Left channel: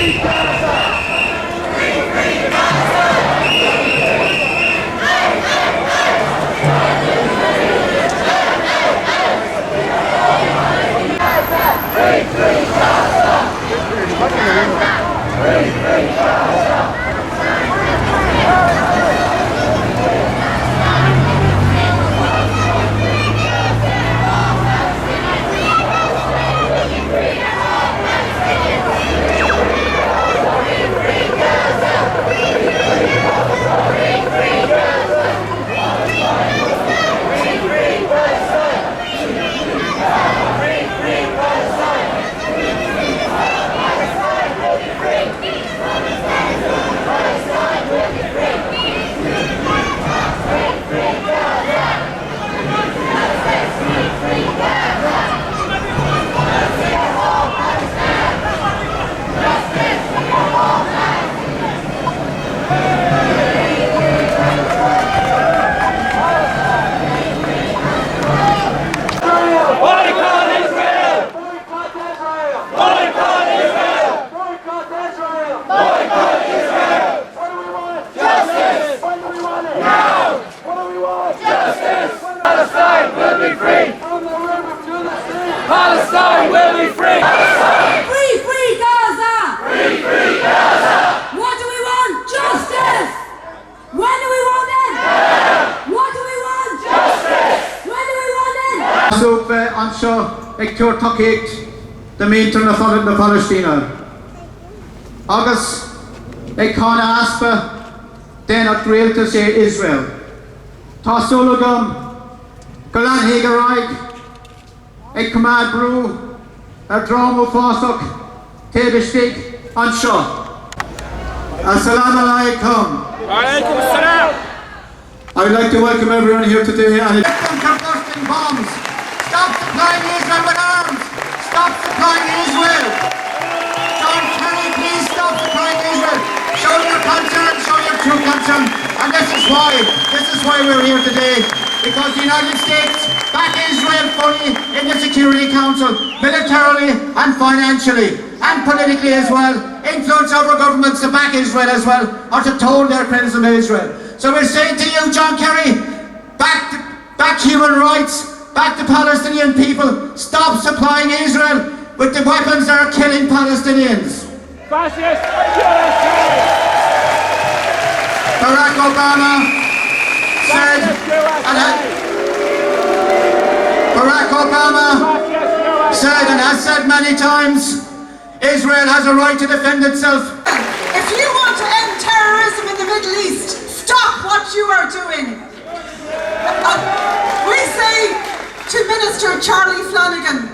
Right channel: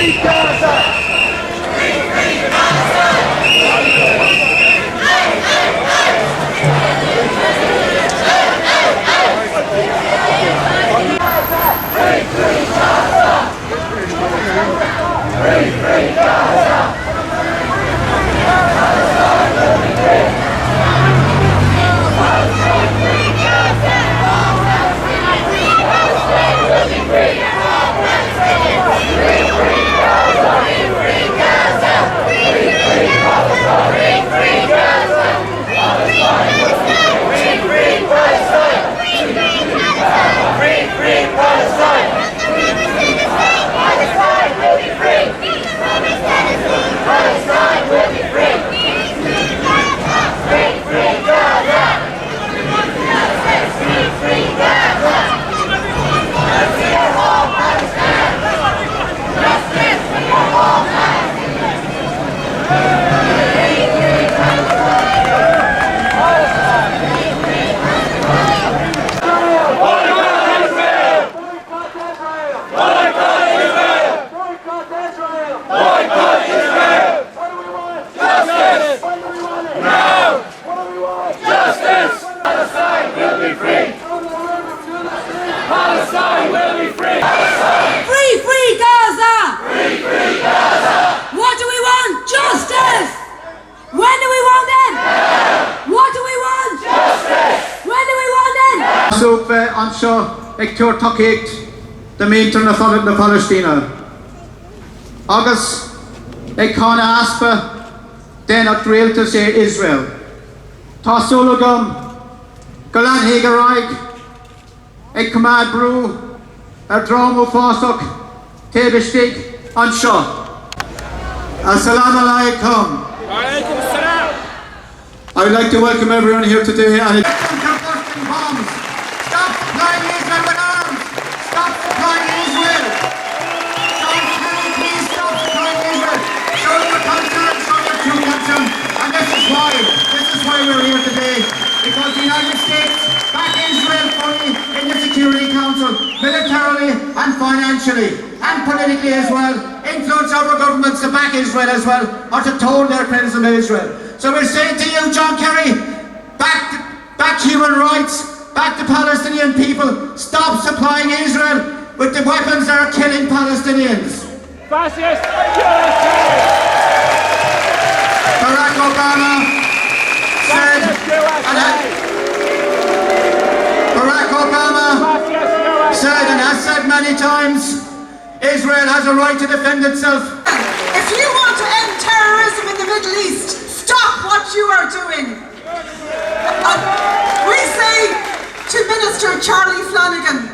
free Gaza! Free, free Palestine! Free, free Gaza! Free, free Gaza! Palestine will be free! Free, free Gaza! Free, free Gaza! What do we want? Justice! When do we want it? Now! What do we want? Justice! When do we want it? Súb anseo ag túir tacaíocht de míntar na Palestína. Agus ag cána aspa déanacht rialta sé Israel. Tá súlagam go leanfaí go raig ag cumad brú ar drámú fásach taobistigh anseo. Assalamu alaikum. Alaikum assalam. I would like to welcome everyone here today and combusting bombs. Stop supplying Israel with arms. Stop supplying Israel. John Kerry, please stop supplying Israel. Show your concern, show your true concern. And this is why we're here today. Because the United States back Israel fully in the Security Council, militarily and financially and politically as well. Influence our governments to back Israel as well, or to toll their criticism of Israel. So we're saying to you, John Kerry, back human rights, back the Palestinian people, stop supplying Israel with the weapons that are killing Palestinians. Fascist USA! Barack Obama said, and has said many times, Israel has a right to defend itself. If you want to end terrorism in the Middle East, stop what you are doing. We say to Minister Charlie Flanagan,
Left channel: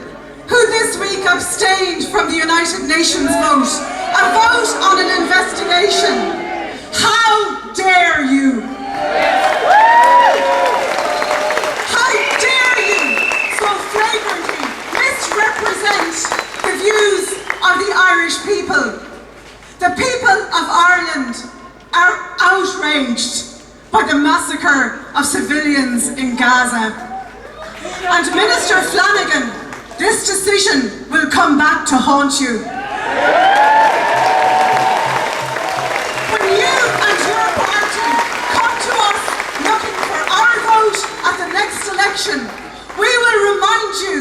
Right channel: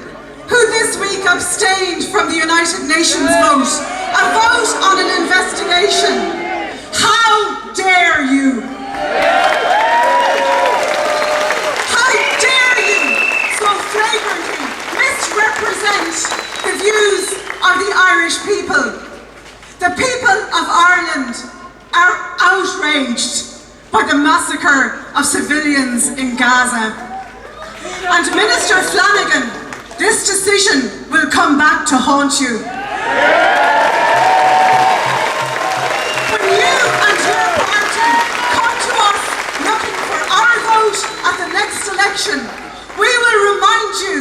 who this week abstained from the United Nations vote, a vote on an investigation. How dare you? How dare you so flagrantly misrepresent the views of the Irish people? The people of Ireland are outraged by the massacre of civilians in Gaza. And Minister Flanagan, this decision will come back to haunt you. When you and your party come to us looking for our vote at the next election, we will remind you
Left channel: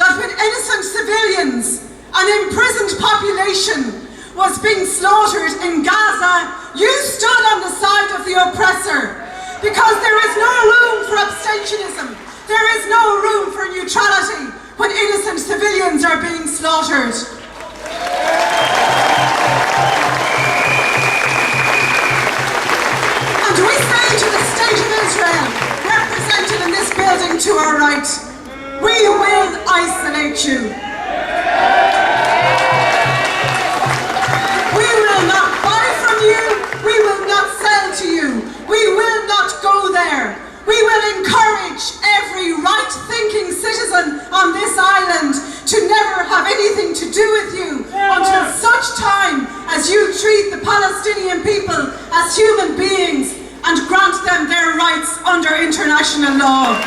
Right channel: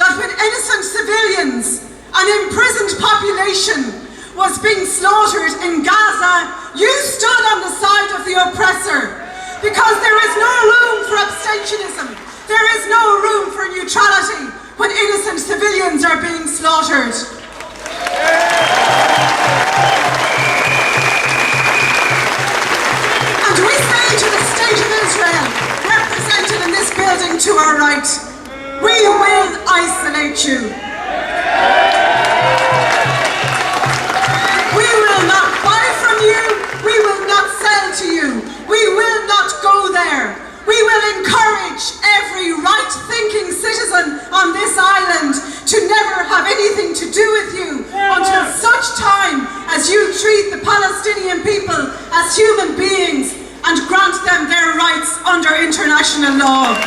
that when innocent civilians, an imprisoned population, was being slaughtered in Gaza, you stood on the side of the oppressor, because there is no room for abstentionism, there is no room for neutrality when innocent civilians are being slaughtered. And we say to the State of Israel, represented in this building to our right, we will isolate you. We will not buy from you, we will not sell to you, we will not go there. We will encourage every right-thinking citizen on this island to never have anything to do with you until such time as you treat the Palestinian people as human beings and grant them their rights under international law.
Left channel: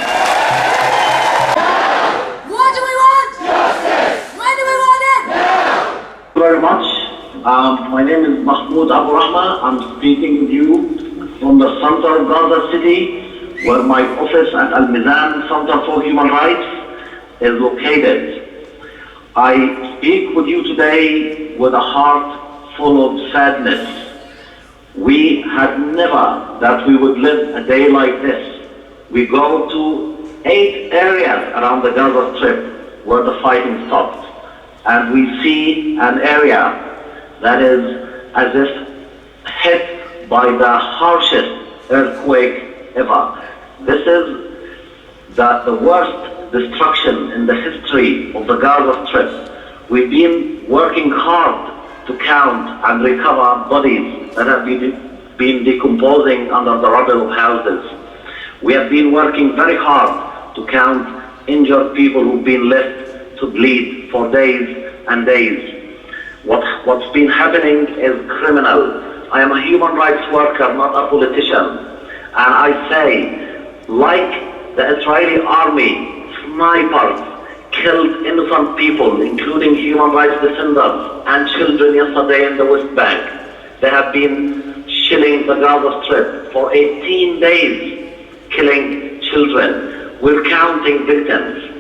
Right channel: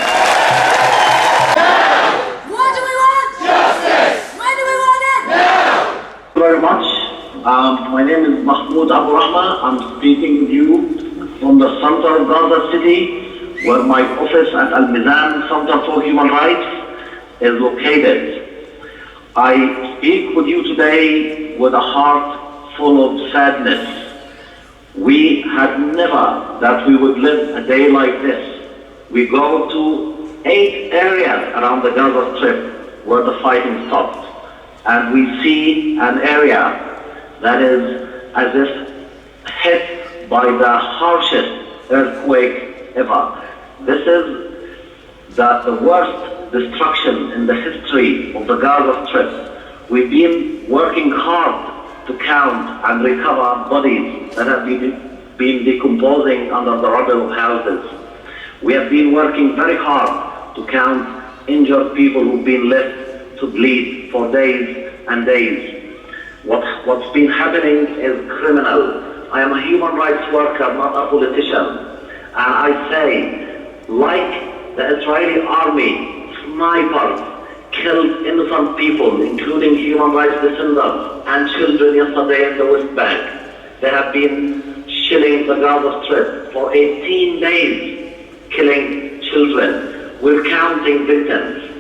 What do we want? Justice! When do we want it? Now! Very much. Mahmoud Abu Rahma. I'm speaking with you from the center of Gaza City, where my office at Al-Mizan Center for Human Rights is located. I speak with you today with a heart full of sadness. We had never that we would live a day like this. We go to 8 areas around the Gaza Strip where the fighting stopped. And we see an area that is as if hit by the harshest earthquake ever. This is the worst destruction in the history of the Gaza Strip. We've been working hard to count and recover bodies that have been decomposing under the rubble of houses. We have been working very hard to count injured people who've been left to bleed for days and days. What's been happening is criminal. I am a human rights worker, not a politician. And I say, like the Israeli army, snipers killed innocent people, including human rights defenders and children yesterday in the West Bank. They have been shelling the Gaza Strip for 18 days, killing children. We're counting victims.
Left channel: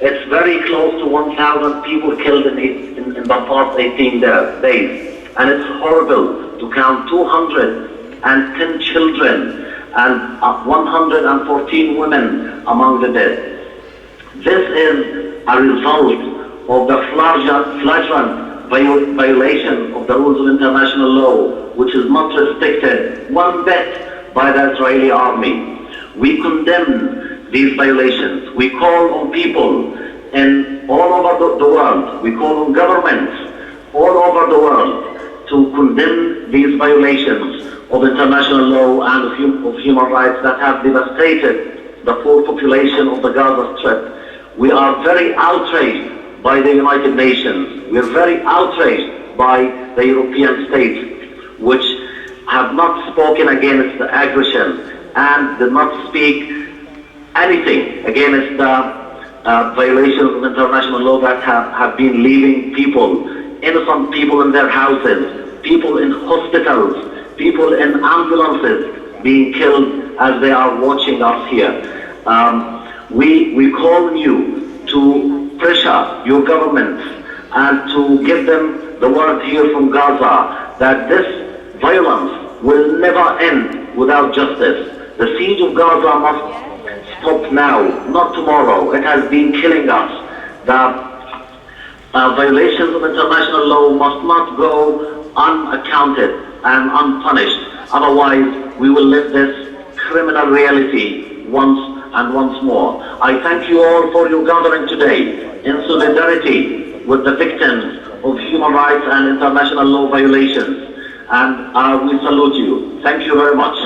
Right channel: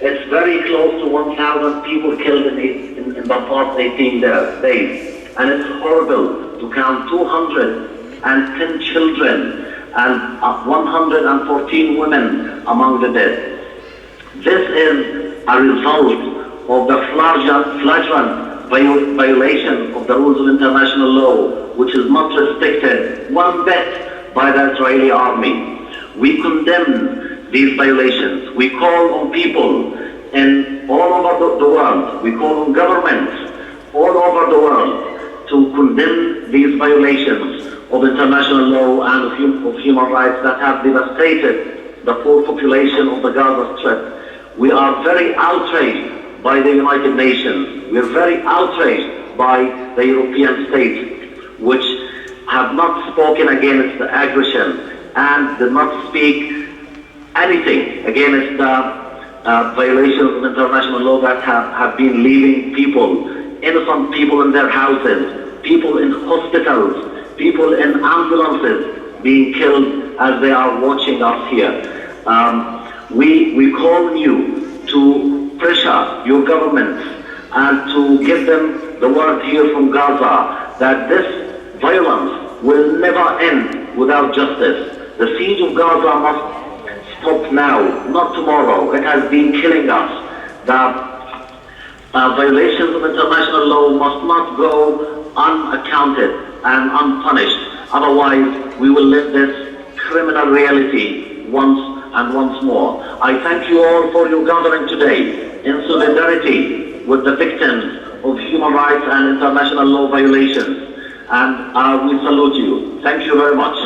It's very close to 1,000 people killed in the past 18 days. And it's horrible to count 210 children and 114 women among the dead. This is a result of the flagrant violation of the rules of international law, which is not respected one bit by the Israeli army. We condemn these violations. We call on people all over the world, we call on governments all over the world to condemn these violations of international law and of human rights that have devastated the poor population of the Gaza Strip. We are very outraged by the United Nations. We are very outraged by the European states, which have not spoken against the aggression and did not speak anything against the violations of international law that have been leaving people, innocent people in their houses, people in hospitals, people in ambulances being killed as they are watching us here. We call on you to pressure your governments and to give them the word here from Gaza that this violence will never end without justice. The siege of Gaza must stop now, not tomorrow. It has been killing us. The violations of international law must not go unaccounted and unpunished. Otherwise, we will live this criminal reality once and once more. I thank you all for your gathering today in solidarity with the victims of human rights and international law violations. And we salute you. Thank you very much.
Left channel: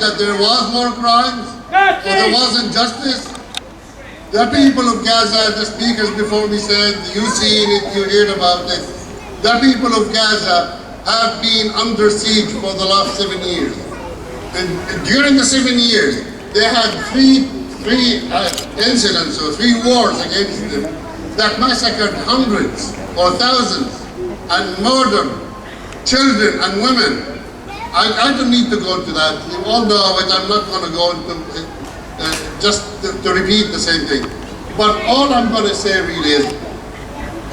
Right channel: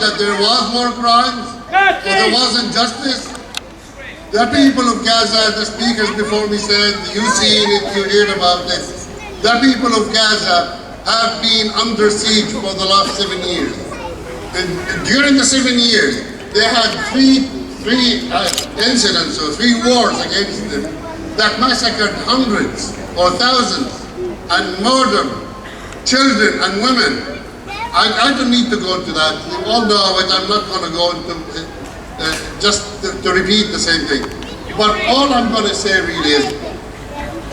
That there was more crimes, that there was injustice. The people of Gaza, the speakers before me said, you seen it, you heard about it. The people of Gaza have been under siege for the last 7 years. And during the 7 years, they had three incidents or 3 wars against them that massacred hundreds or thousands and murdered children and women. I don't need to go into that. You all know it. I'm not going to go into just to repeat the same thing. But all I'm going to say really is,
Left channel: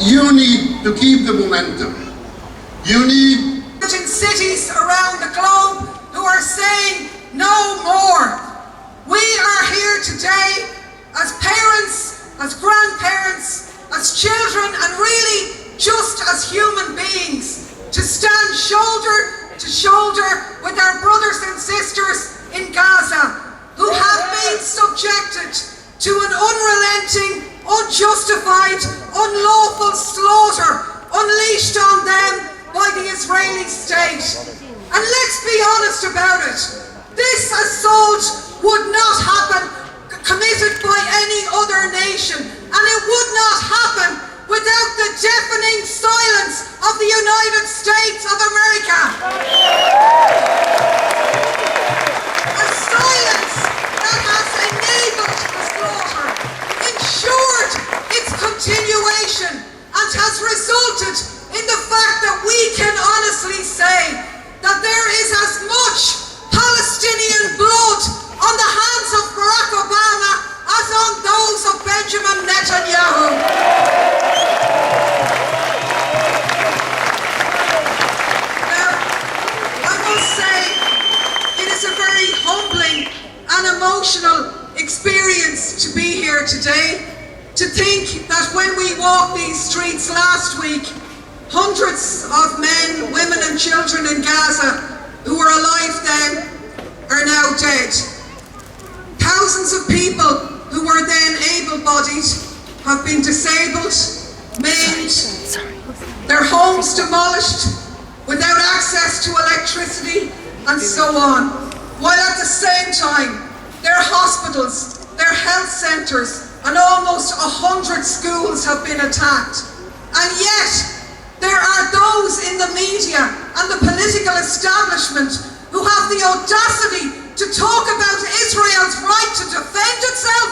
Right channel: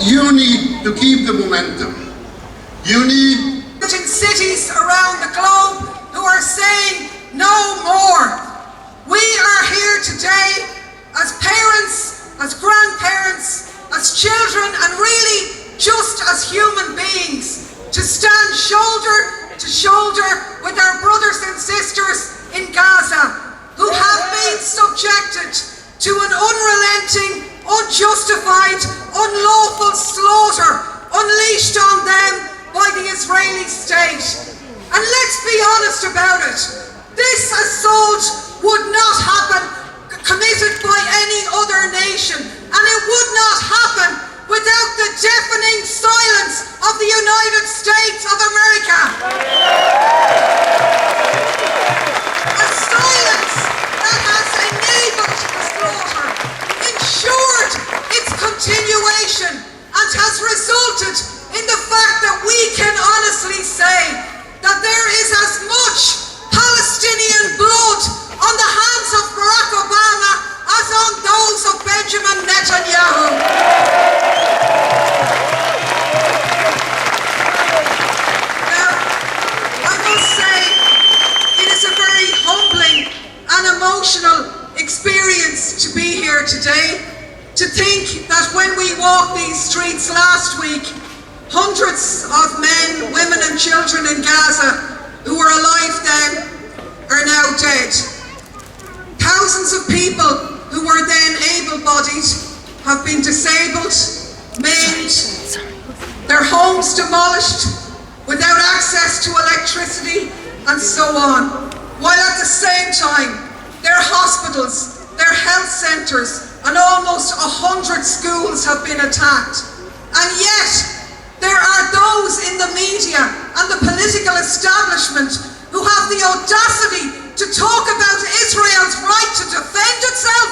you need to keep the momentum. You need cities around the globe who are saying no more. We are here today as parents, as grandparents, as children, and really just as human beings to stand shoulder to shoulder with our brothers and sisters in Gaza who have been subjected to an unrelenting, unjustified, unlawful slaughter unleashed on them by the Israeli state. And let's be honest about it. This assault would not happen committed by any other nation, and it would not happen without the deafening silence of the United States of America. A silence that has enabled the slaughter, ensured its continuation, and has resulted in the fact that we can honestly say that there is as much Palestinian blood on the hands of Barack Obama as on those of Benjamin Netanyahu. Now, I must say, it is a very humbling and emotional experience to be here today, to think that when we walked these streets last week, hundreds of men, women and children in Gaza who were alive then are now dead. Thousands of people who were then able-bodied have been disabled, maimed, their homes demolished, without access to electricity, and so on. While at the same time, their hospitals, their health centres, and almost 100 schools have been attacked. And yet, there are those in the media and the political establishment who have the audacity to talk about Israel's right to defend itself.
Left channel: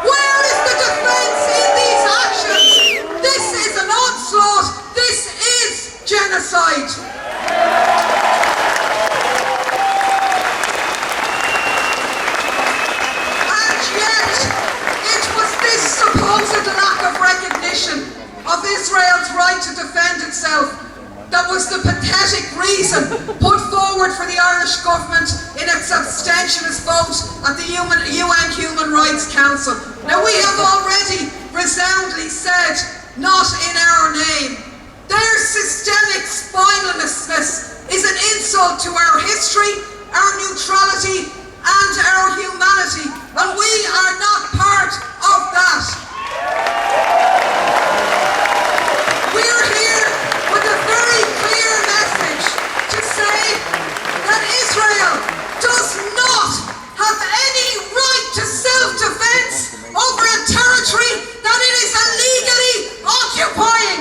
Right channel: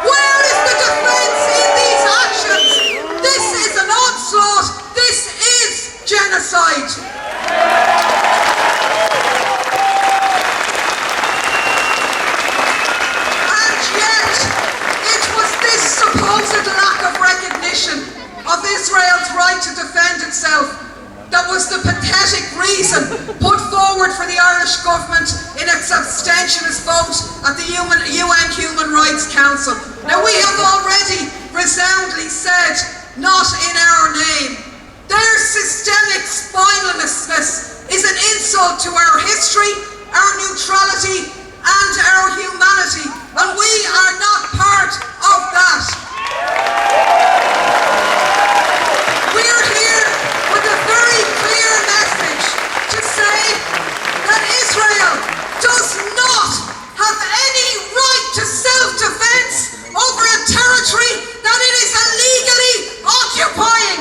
Where is the defence in these actions? This is an onslaught. This is genocide. And yet, it was this supposed lack of recognition of Israel's right to defend itself that was the pathetic reason put forward for the Irish government in its abstentionist vote at the UN Human Rights Council. Now, we have already resoundingly said, not in our name. Their systemic spinelessness is an insult to our history, our neutrality, and our humanity, and we are not part of that. We're here with a very clear message to say that Israel does not have any right to self-defense over a territory that it is illegally occupying.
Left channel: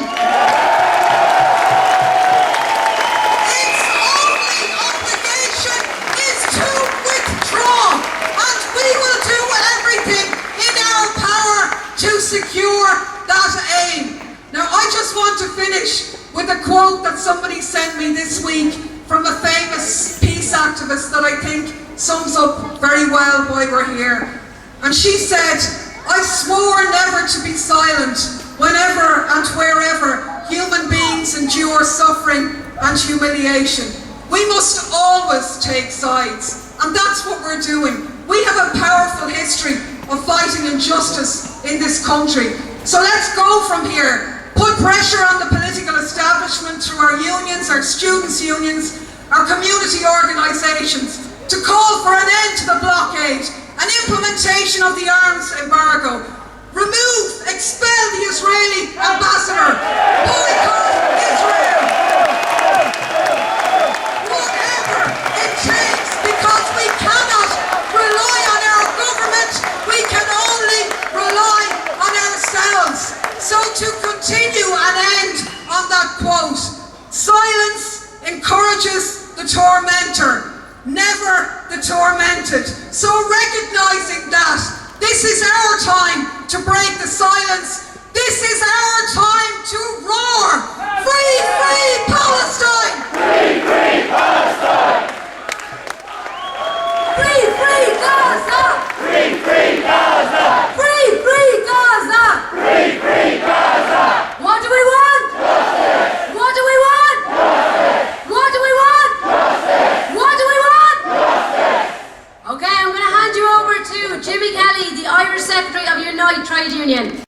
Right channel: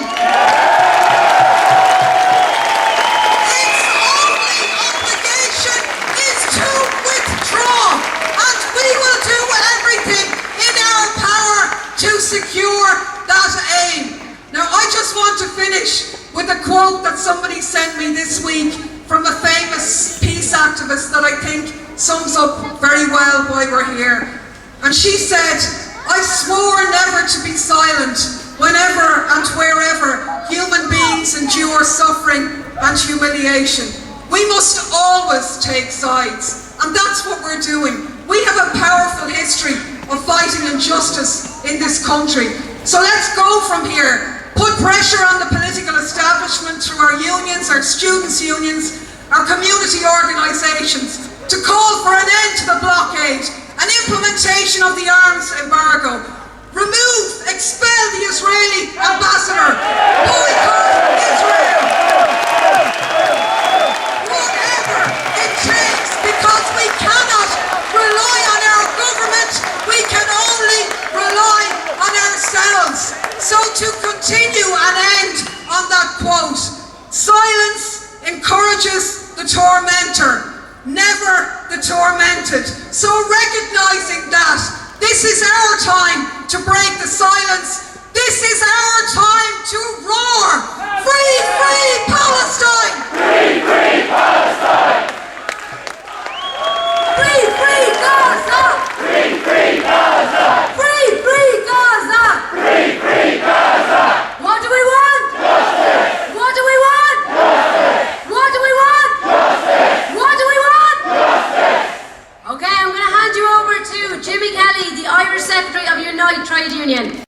Its only obligation is to withdraw, and we will do everything in our power to secure that aim. Now, I just want to finish with a quote that somebody sent me this week from a famous peace activist that I think sums up very well why we're here. And she said, "I swore never to be silent whenever and wherever human beings endure suffering and humiliation. We must always take sides." And that's what we're doing. We have a powerful history of fighting injustice in this country. So let's go from here. Put pressure on the political establishment through our unions, our students' unions, our community organisations, to call for an end to the blockade, an implementation of the arms embargo, remove, expel the Israeli ambassador, boycott Israel. Whatever it takes, because we cannot rely on our government, we can only rely on ourselves. So to continue and end on that quote, silence encourages the tormentor, never the tormented. So recognizing that, this is our time to break the silence. This is our time to roar. Free, free Palestine! Free, free Palestine! Free, free Gaza! Free, free Gaza! Free, free Gaza! Free, free Gaza! What do we want? Justice! What do we want? Justice! What do we want? Justice! What do we want? Justice! Okay, I'm going to hand you over to Jimmy Kelly, the Irish Secretary of Unite Trade Union.